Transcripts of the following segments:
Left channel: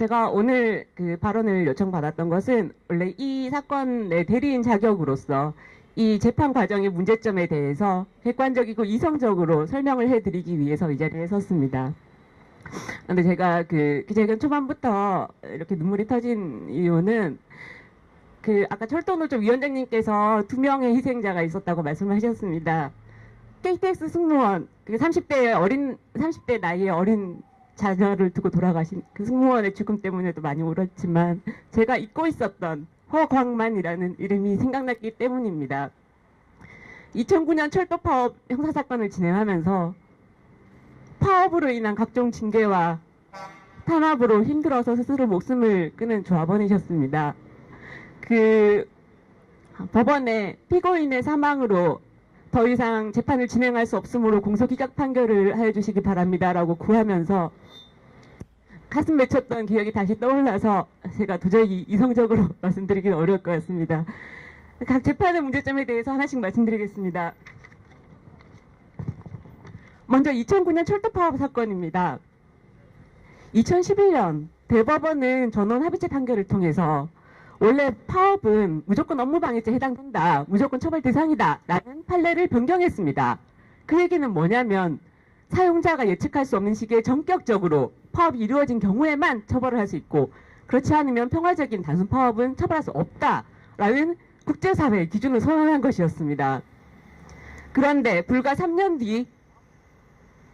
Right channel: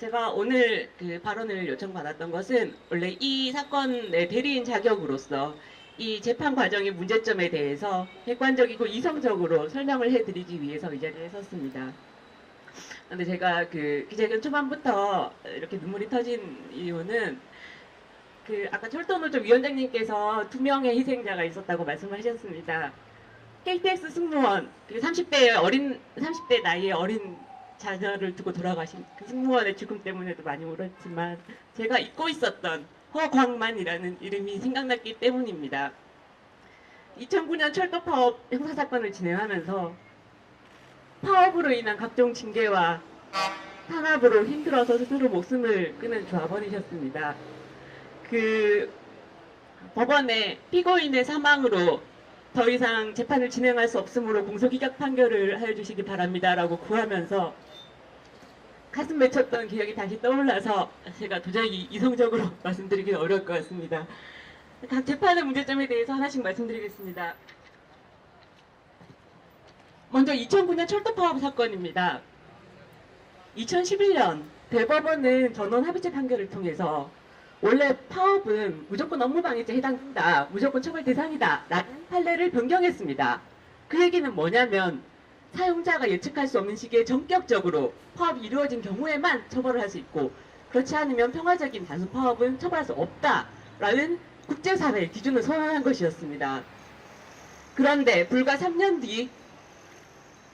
제가 오늘 그 발언을 요청받았던 것은 원래 이 사건의 대리인 자격으로서 이 재판 과정의 문제점에 대해서 객관적이고 이성적으로 설명을 해드리기 위해서 이 자리에 섰습니다. 근데 제가 그 기자회견 초반부터 이렇게 눈물이 터진 이유는 그 아까 철도노조 위원장님께서 두 명의 희생자가 있었다고 말씀하셨습니다. KTX 승무원, 그 30대 어린 30대 나이의 어린 자녀를 두고 돌아가신 그 승무원의 죽음 때문에도 많이 울었지만 제가 잊고 있었던 허광만이라는 이름이 생각났기 때문입니다. 2009년 철도 파업 형사 사건을 진행하면서 파업으로 인한 각종 징계와 탄압으로 힘들어서 스스로 목숨을 끊은 조합원이셨습니다. 그 법원에 피고인의 사망으로 더 이상 재판을 진행할 수 없으므로 공소기각 판결을 해주시기 바랍니다라고 구하면서 가슴 맺혔던 기억이 다시 떠올라서 제가 도저히 이성적으로 말씀드리기 어려울 것 같습니다. 각 재판의 문제점에 대해서 하나씩 말씀드리겠습니다. 먼저 2009년 철도 파업 사건입니다. 2011년 대법원은 전원 합의체 판결을 통해서 원래 파업은 무조건 업무방해죄 해당된다, 무조건 처벌 대상이다 라는 판례를 변경했습니다. 그 얘기는 뭐냐면 사용자가 예측할 수 없는 시기에 전격적으로 파업이 이루어진 경우에만 처벌을 할 수 있고 그렇지 않으면 평화적인 단순 파업은 처벌할 수 없다라는 국제사회의 기준을 선언한 것이었습니다. 그런데 불과 3년 뒤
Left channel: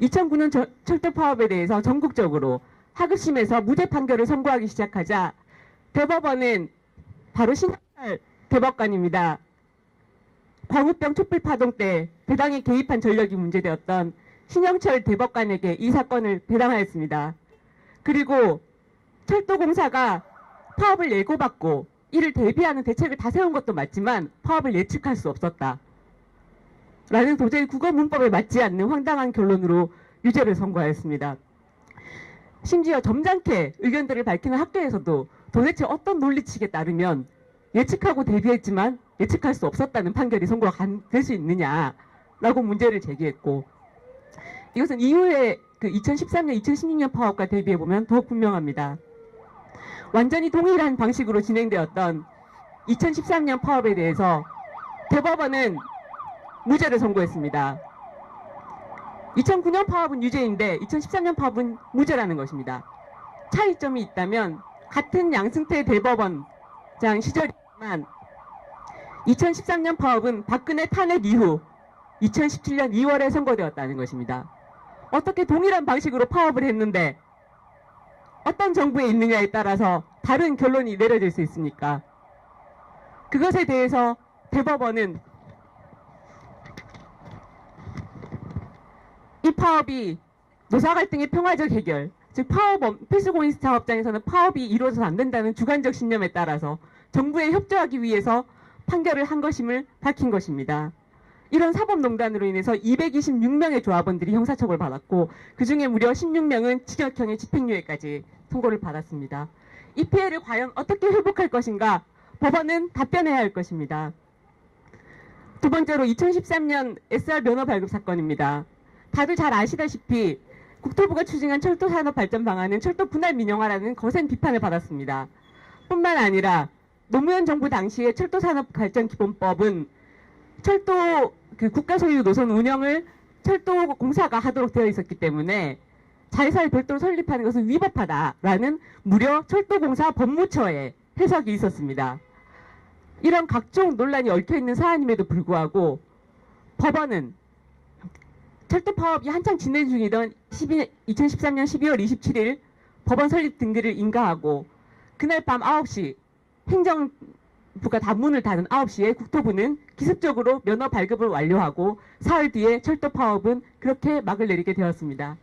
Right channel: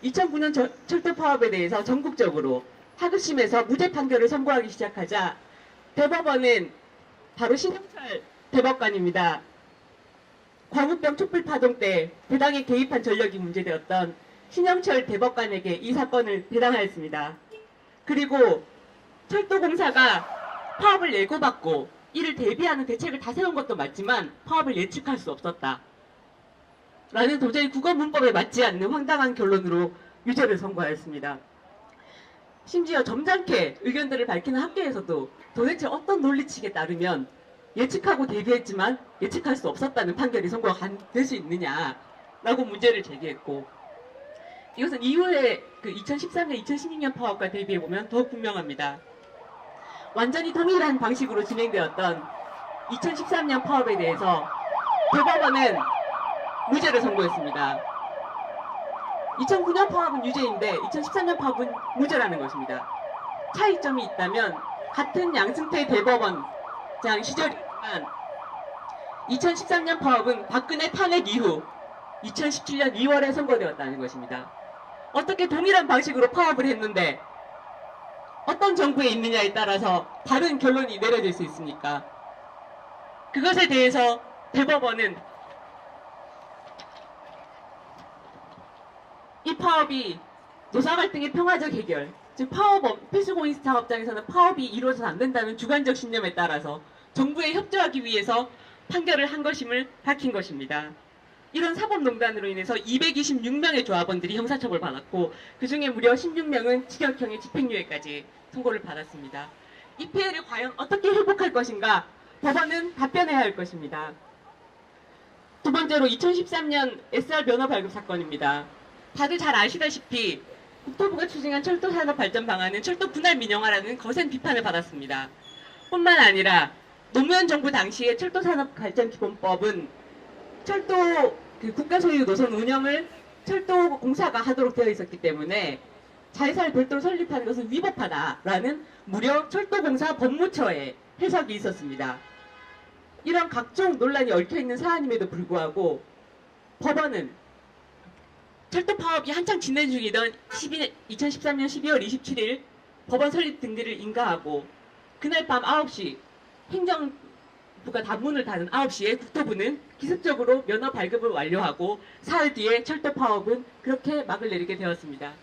2009년 저- 철도 파업에 대해서 전국적으로 하급심에서 무죄 판결을 선고하기 시작하자 대법원은 바로 신영철 대법관입니다. 광우병 촛불 파동 때 대당에 개입한 전력이 문제되었던 신영철 대법관에게 이 사건을 배당하였습니다. 그리고 철도공사가 파업을 예고받고 이를 대비하는 대책을 다 세운 것도 맞지만 파업을 예측할 수 없었다. 라는 도저히 국어 문법에 맞지 않는 황당한 결론으로 유죄를 선고하였습니다. 심지어 점잖게 의견들을 밝히는 학교에서도 도대체 어떤 논리칙에 따르면 예측하고 대비했지만 예측할 수 없었다는 판결이 선고가 될 수 있느냐라고 문제를 제기했고 이것은 이후에 그 2013년, 2016년 파업과 대비해 보면 더욱 분명합니다. 완전히 동일한 방식으로 진행되었던 2013년 파업에 대해서 대법원은 무죄를 선고했습니다. 2009년 파업은 유죄인데 2013년 파업은 무죄라는 것입니다. 차이점이 있다면 같은 양승태 대법원장 시절이지만 2013년 파업은 박근혜 탄핵 이후 2017년 2월에 선고되었다는 것입니다. 어떻게 동일한 방식으로 파업을 했는데 어떤 정부에 있느냐에 따라서 다른 결론이 내려질 수 있습니까? 그것에 대해서 대법원은 이 파업이 노사 갈등의 평화적 해결, 즉 파업 업- 필수공인 사업장에서는 파업이 이루어져서 안 된다는 주관적 신념에 따라서 정부에 협조하기 위해서 판결을 한 것임을 밝힌 것입니다. 이런 사법농단으로 인해서 226명의 조합원들이 형사처벌 받았고 그 중에 무려 16명은 징역형의 집행유예까지 선고를 받았습니다. 이 피해를 과연 어떻게 회복할 것인가 법원은 답변해야 할 것입니다. 두 번째로 2013년 SR 면허 발급 사건입니다. 다들 잘 아시다시피 국토부가 추진한 철도 산업 발전 방안은 철도 분할 민영화라는 거센 비판을 받았습니다. 뿐만 아니라 노무현 정부 당시에 철도 산업 발전 기본법은 철도 그 국가 소유 노선 운영을 철도 공사가 하도록 되어 있었기 때문에 자회사를 별도로 설립하는 것은 위법하다라는 무려 철도공사 법무처의 해석이 있었습니다. 이런 각종 논란이 얽혀 있는 사안임에도 불구하고 법원은 철도 파업이 한창 진행 중이던 12 2013년 12월 27일 법원 설립 등기를 인가하고 그날 밤 9시 행정부가 단문을 닫은 9시에 국토부는 기습적으로 면허 발급을 완료하고 사흘 뒤에 철도 파업은 그렇게 막을 내리게 되었습니다.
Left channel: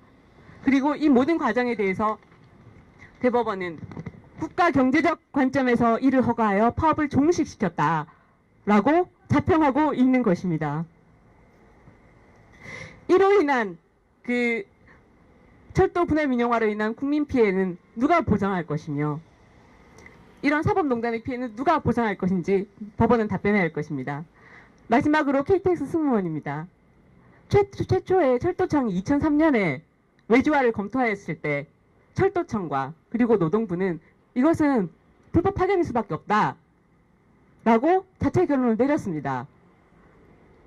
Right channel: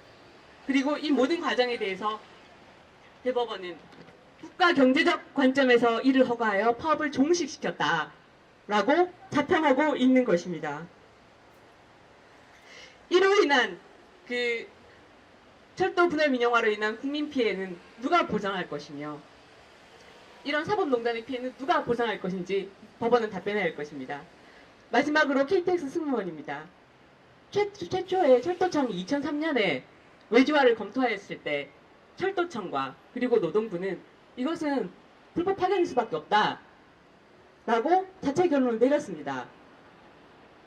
그리고 이 모든 과정에 대해서 대법원은 국가 경제적 관점에서 이를 허가하여 파업을 종식시켰다라고 자평하고 있는 것입니다. 이로 인한 그 철도 분할 민영화로 인한 국민 피해는 누가 보장할 것이며 이런 사법농단의 피해는 누가 보장할 것인지 법원은 답변해야 할 것입니다. 마지막으로 KTX 승무원입니다. 최, 최초에 철도청이 2003년에 외주화를 검토하였을 때 철도청과 그리고 노동부는 이것은 불법 파견일 수밖에 없다. 라고 자체 결론을 내렸습니다.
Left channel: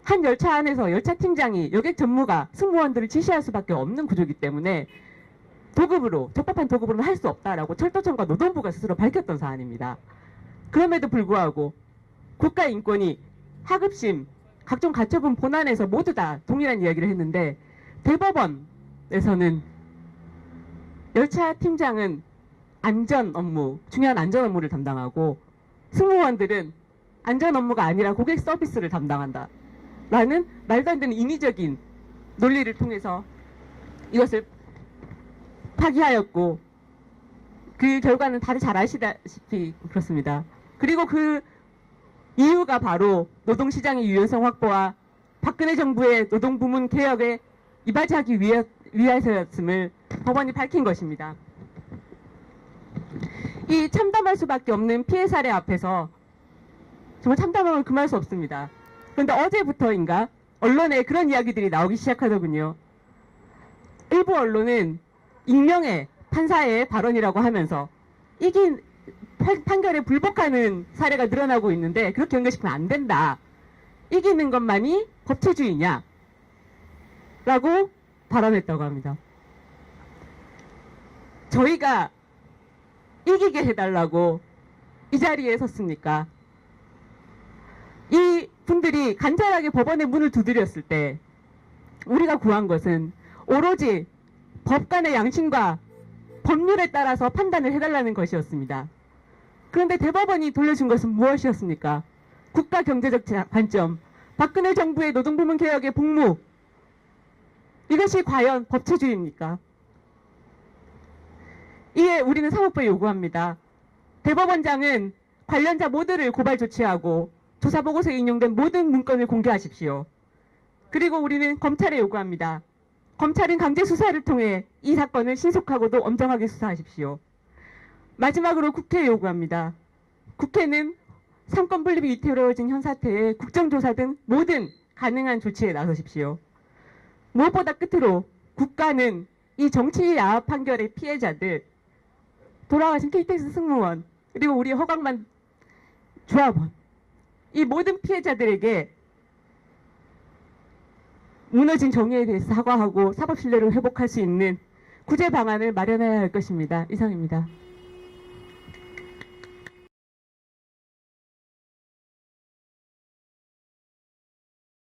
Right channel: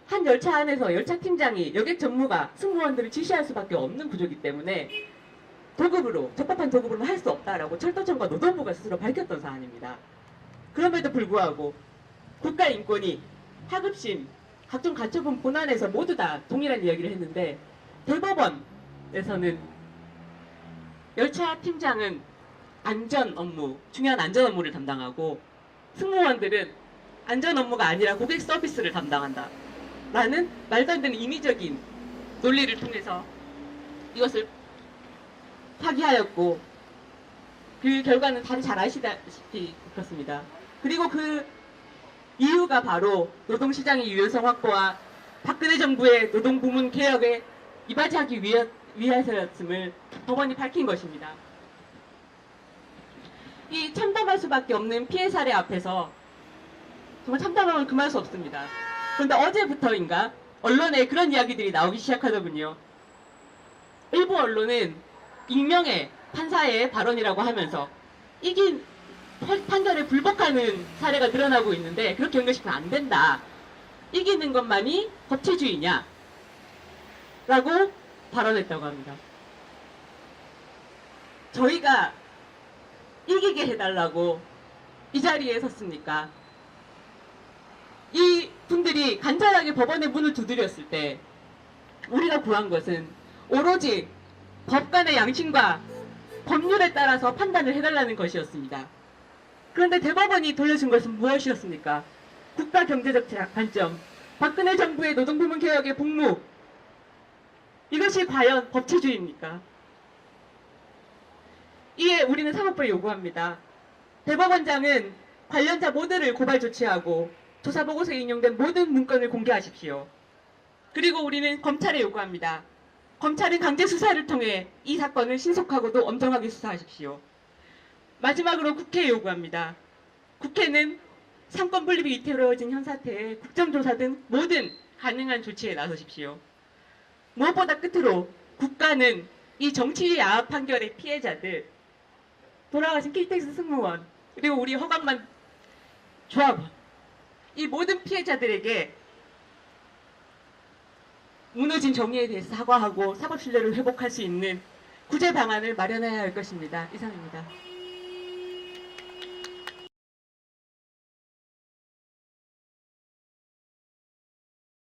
한 열차 안에서 열차 팀장이 여객 전무가 승무원들을 지시할 수밖에 없는 구조이기 때문에 도급으로 적법한 도급으로는 할 수 없다라고 철도청과 노동부가 스스로 밝혔던 사안입니다. 그럼에도 불구하고 국가인권위, 하급심, 각종 가처분 본안에서 모두 다 동일한 이야기를 했는데 대법원에서는 열차 팀장은 안전 업무, 중요한 안전 업무를 담당하고 승무원들은 안전 업무가 아니라 고객 서비스를 담당한다. 라는 말도 안 되는 인위적인 논리를 통해서 이것을 파기하였고 그 결과는 다들 잘 아시다시피 그렇습니다. 그리고 그 이유가 바로 노동시장의 유연성 확보와 박근혜 정부의 노동부문 개혁에 위해, 위해서였음을 법원이 밝힌 것입니다. 이 참담할 수밖에 없는 피해 사례 앞에서 정말 참담함을 금할 수 없습니다. 그런데 어제부터인가 언론에 그런 이야기들이 나오기 시작하더군요. 일부 언론은 익명의 판사의 발언이라고 하면서 이긴 판- 판결에 불복하는 사례가 늘어나고 있는데 그렇게 연결시키면 안 된다. 이기는 것만이 법치주의냐? 라고 발언했다고 합니다. 저희가 이기게 해달라고 이 자리에 섰습니까? 이 분들이 간단하게 법원의 문을 두드렸을 때 우리가 구한 것은 오로지 법관의 양심과 법률에 따라서 판단을 해달라는 것이었습니다. 그런데 대법원이 돌려준 것은 무엇이었습니까? 국가 경제적 제- 관점, 박근혜 정부의 노동부문 개혁의 복무, 이것이 과연 법치주의입니까? 이에 우리는 사법부에 요구합니다. 대법원장은 관련자 모두를 고발 조치하고 조사 보고서에 인용된 모든 문건을 공개하십시오. 그리고 우리는 검찰에 요구합니다. 검찰은 강제 수사를 통해 이 사건을 신속하고도 엄정하게 수사하십시오. 마지막으로 국회에 요구합니다. 국회는 상권 분립이 이태로워진 현 사태에 국정조사 등 모든 가능한 조치에 나서십시오. 무엇보다 끝으로 국가는 이 정치 야합 판결의 피해자들, 돌아가신 KTX 승무원, 그리고 우리 허강만 조합원, 이 모든 피해자들에게 무너진 정의에 대해서 사과하고 사법 신뢰를 회복할 수 있는 구제 방안을 마련해야 할 것입니다. 이상입니다.